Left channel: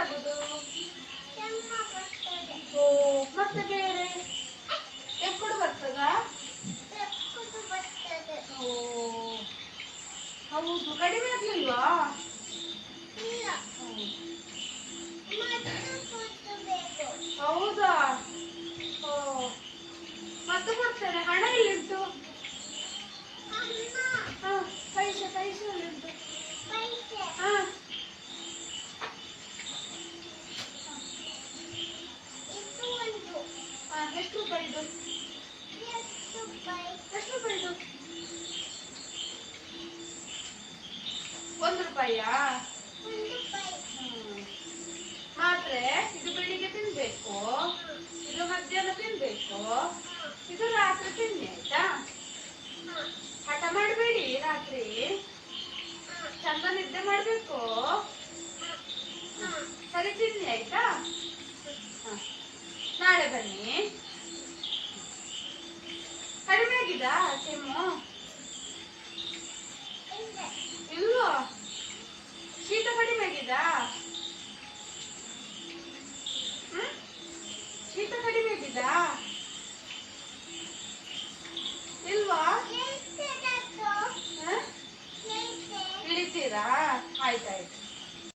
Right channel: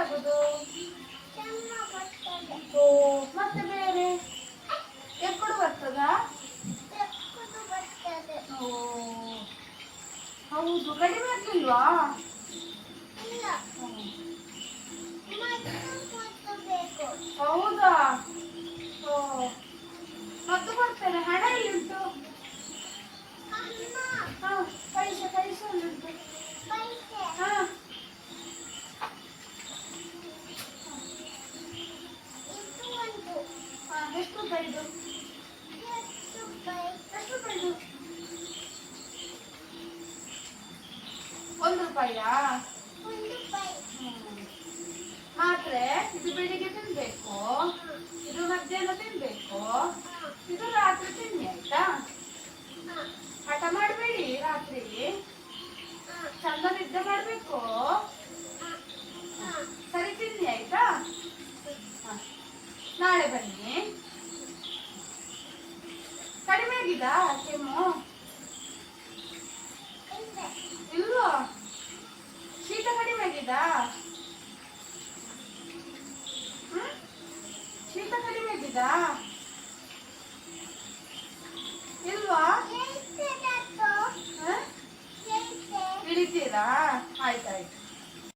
ಎಂತಾಗುದು? ಓ ಮತ್ತೆ ಬೇರೆ ಎಕ್ಕುಡು ಬರ್ತದಾ? ಓ ಹೌದು, ಕಡಿಮೆ ಆಗ್ಲಿಲ್ವಾ? ಹೌದಾ? ಓ ಮತ್ತೆ ಬರ್ತೇನೆ. ಹಣ ಎಲ್ಲಿ ಉಂಟು? ಹಾ, ಪೈಸೆ ಪೈಸೆ ಎಲ್ಲಿಂಟು? ಹಾ, ಎಷ್ಟು ರೂಪಾಯಿದು? ಎಷ್ಟು ರೂಪಾಯಿದು? 1 ರೂಪಾಯಿಯಾ? ಮಾತ್ರೆ ಇದು ಬೆಳಿಗ್ಗೆ ತಿನ್ಬೇಕು, ಇದು ಮಧ್ಯಾಹ್ನ ತಿನ್ಬೇಕು, ಇದು ರಾತ್ರಿ ತಿನ್ನಿ ಆಯ್ತಾ? ಹಠ ಮಾಡಬೇಡಿ, ರಾತ್ರಿ ಚಂದ ನಿದ್ದೆ ಮಾಡ್ಬೇಕು. ಸರಿ ತಿನ್ನಿ ಆಯ್ತಾ? ನಾಳೆ ಬನ್ನಿ. ಕಡಿಮೆ ಆಗಿದಾ ಕೆಮ್ಮು? ಇಲ್ವಾ?